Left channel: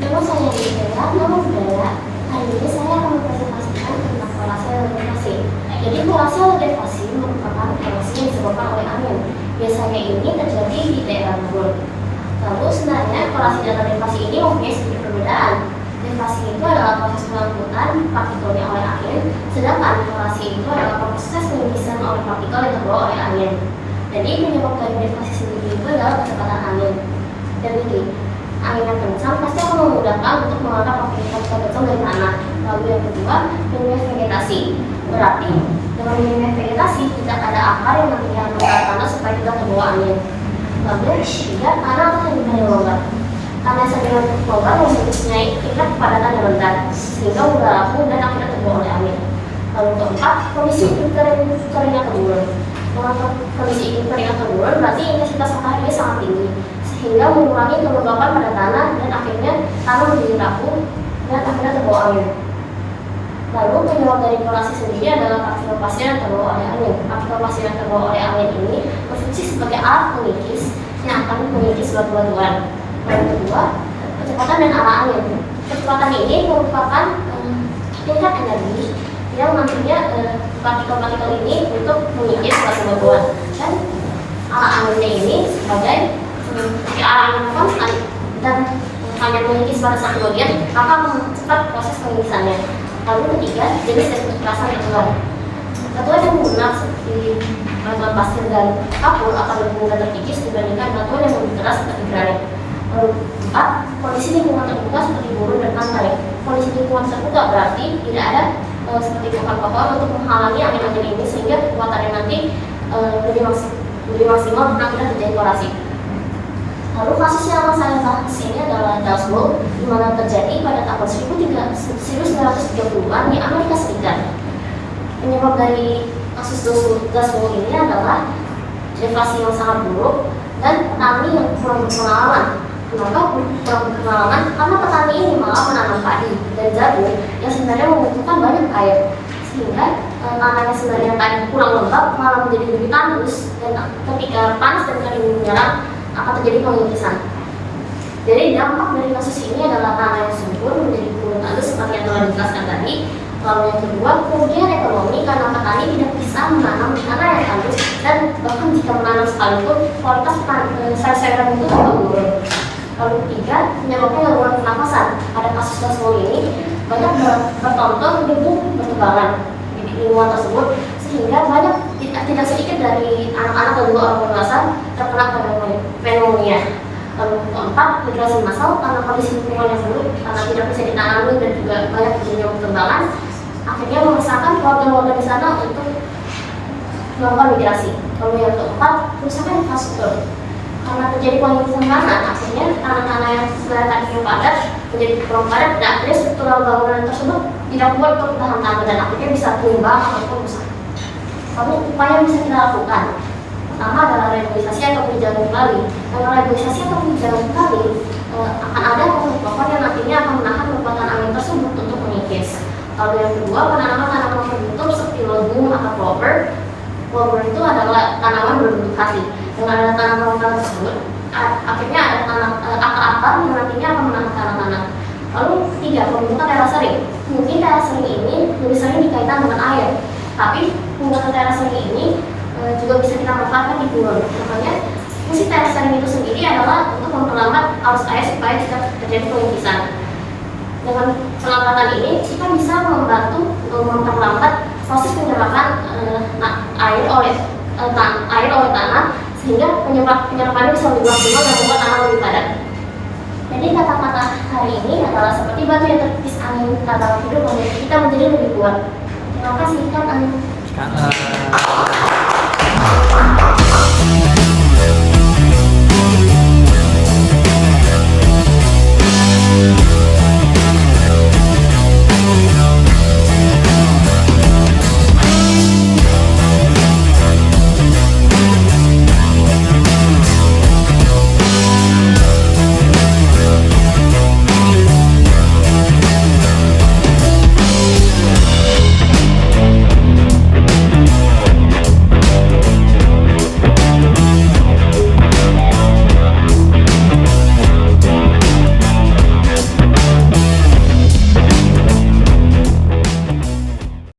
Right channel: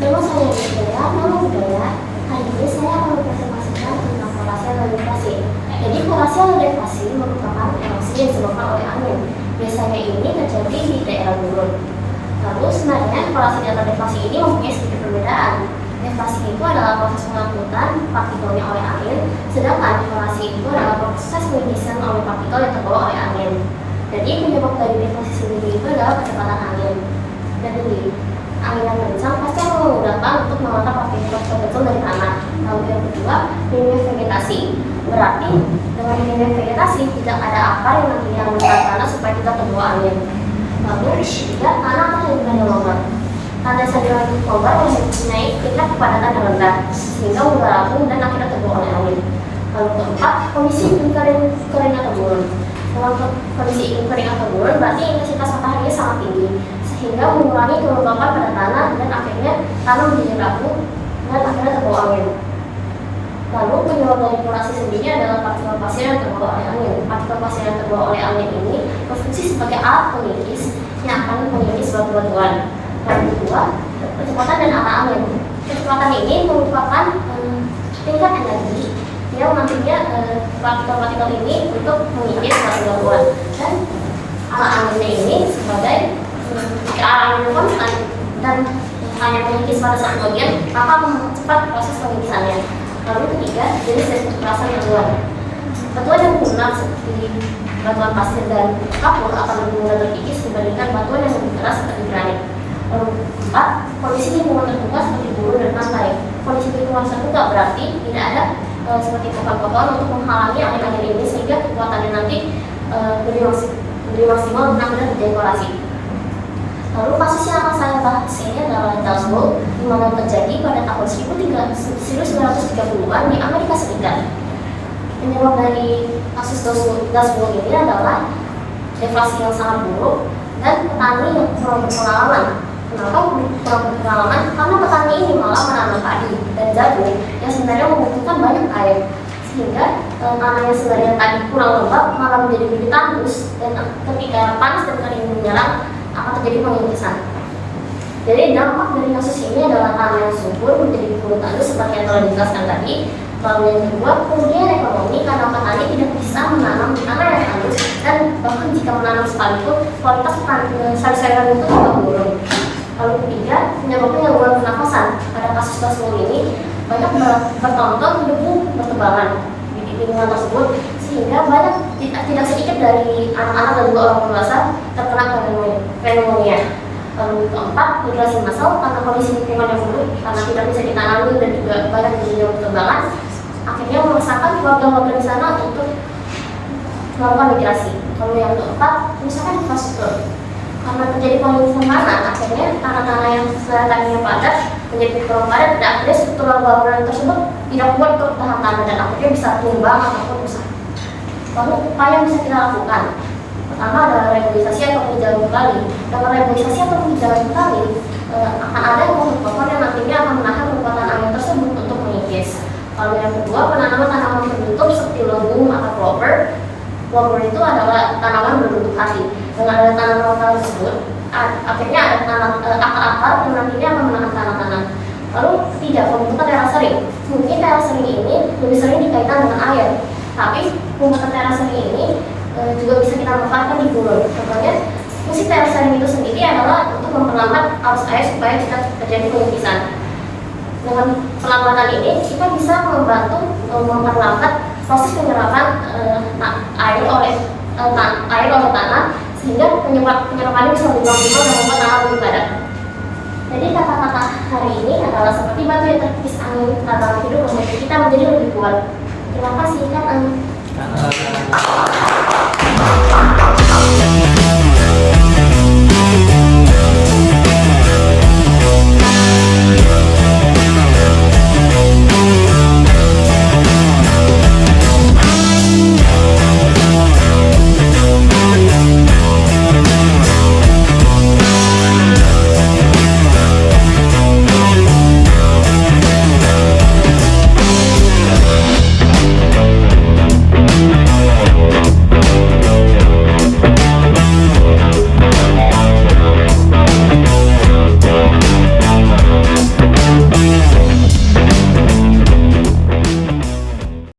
Memang saya budaya, nama budaya. Hari ini saya akan mempresentasikan tentang kolase elevasi. Jadi kolase elevasi merupakan erupsi yang disebabkan oleh angin. Biasanya ini terjadi di daerah gurun. Lalu sebenarnya kolase dan elevasi ini mempunyai sedikit perbedaan. Elevasi itu adalah proses pengangkutan partikelnya oleh angin, sedangkan elevasi itu adalah proses pengisian oleh partikel yang terbawa oleh angin. Jadi penyebab dari elevasi sendiri itu adalah kecepatan angin. Jadi angin yang kencang pasti akan memudahkan untuk mengangkat partikel kecil dari tanah. Lalu yang kedua, minimnya vegetasi. Berarti dengan minimnya vegetasi tidak ada akar yang nantinya menekan tanah supaya tidak terbawa angin. Lalu ketiga, tanah atau sedimen yang longgar. Tanah sedimen longgar mempunyai tingkat kepadatan yang rendah sehingga mudah rapuh dan akhirnya terbawa oleh angin. Lalu keempat, kondisi iklim kering atau gurun. Dengan kondisi iklim kering atau gurun berarti intensitas matahari sangat tinggi sehingga mengurangi kelembapan pada tanah dan akhirnya tanah menjadi rapuh dan akhirnya terbawa angin. Lalu penyebab dari kolase sendiri adalah partikel pasir yang terbawa oleh angin. Partikel pasir yang terbawa oleh angin ini berfungsi sebagai alat pengikis yang akan mengikis batu-batuan. Lalu kedua, kecepatan dan arah angin. Kecepatan ini merupakan tingkat energi yang nantinya partikel-partikel ini untuk mengikis batu-batuan, dan arah anginnya ini sebagai jika arah angin konstan dan hanya mengikis pada satu bagian, maka akan mempercepat proses pengikisannya. Lalu ketiga, jenis dan kekerasan batuan. Batuan yang lunak seperti batuan pasir dan kapur akan lebih mudah terkikis dibandingkan batuan yang lebih keras seperti granit. Lalu empat, kondisi lingkungan terbuka seperti gurun dan pantai. Kondisi lingkungan terbuka berarti tidak ada seperti pohon-pohon untuk menghalangi angin-angin ini sehingga kekuatannya nanti lebih maksimal untuk tidak terjadi kolase. Lalu kasus yang akan saya bahas ini adalah Dust Bowl, di mana terjadi pada tahun 1930-an di Amerika Serikat. Penyebab dari kasus Dust Bowl ini adalah deflasi yang sangat buruk dan petani yang kurang berpengalaman. Kenapa kurang berpengalaman? Karena petani ini malah menanam padi dan jagung yang sebenarnya membutuhkan banyak air, sehingga tanah yang sebenarnya tadi kurang lembab malah menjadi lebih tandus, dan ketika panas dan kering menyerang akan terjadi pengikisan. Jadi dampak dari kasus ini adalah tanah yang subur menjadi turun tandus seperti yang telah dijelaskan tadi. Lalu yang kedua, kemudian ekonomi, karena petani tidak bisa menanam di tanah yang tandus, dan bahkan jika menanam sekalipun kualitas sayur-sayuran itu juga menurun. Lalu ketiga, menyebabkan gangguan pernafasan. Pada kasus Dust Bowl ini banyak bertonton debu bertebangan di lingkungan tersebut, sehingga banyak tidak sedikit dari anak-anak dan juga orang dewasa terkena pneumonia. Lalu keempat, migrasi massal, karena kondisi lingkungan yang buruk, karena tidak bisa ditanami dan juga banyak terjadi berterbangan, akhirnya memaksakan warga-warga di sana untuk melakukan migrasi. Lalu yang keempat, kerusakan infrastruktur. Karena terjadi pengikisan tanah, akhirnya tanah-tanah yang tadinya padat menjadi kurang padat, dan akhirnya struktural bangunan tersebut tidak kuat untuk tahan tanah dan akhirnya bisa tumbang ataupun rusak. Lalu upaya yang bisa kita lakukan, pertama adalah reboisasi atau penghijauan kembali. Dengan reboisasi atau penghijauan kembali akan ada pohon-pohon yang nantinya akan menahan kekuatan angin tersebut untuk mengikis. Lalu yang kedua, penanaman tanaman berbentuk seperti legum atau clover. Clover itu adalah tanaman berbentuk hati. Dengan ada tanaman tersebut, akhirnya ada akar-akar yang nantinya akan menahan tanah-tanah. Lalu ketiga, pembentukan terasering. Mungkin terasering ini lebih sering dikaitkan dengan air, tapi pembuatan terasering ini juga bisa kita manfaatkan di gurun. Contohnya, fungsi terasering itu sendiri adalah untuk memperlambat arus air supaya tidak terjadi pengikisan. Dengan perlambatan ini, kita bisa membantu memperlambat proses penyerapan air oleh tanah, sehingga penyerapannya bisa lebih maksimal dan membuat tanah lebih padat. Jadi kata-kata hari ini adalah seperti batu yang terkikis angin, kata-kata hidup membuat kita menjadi lebih kuat. Terima kasih, Kak.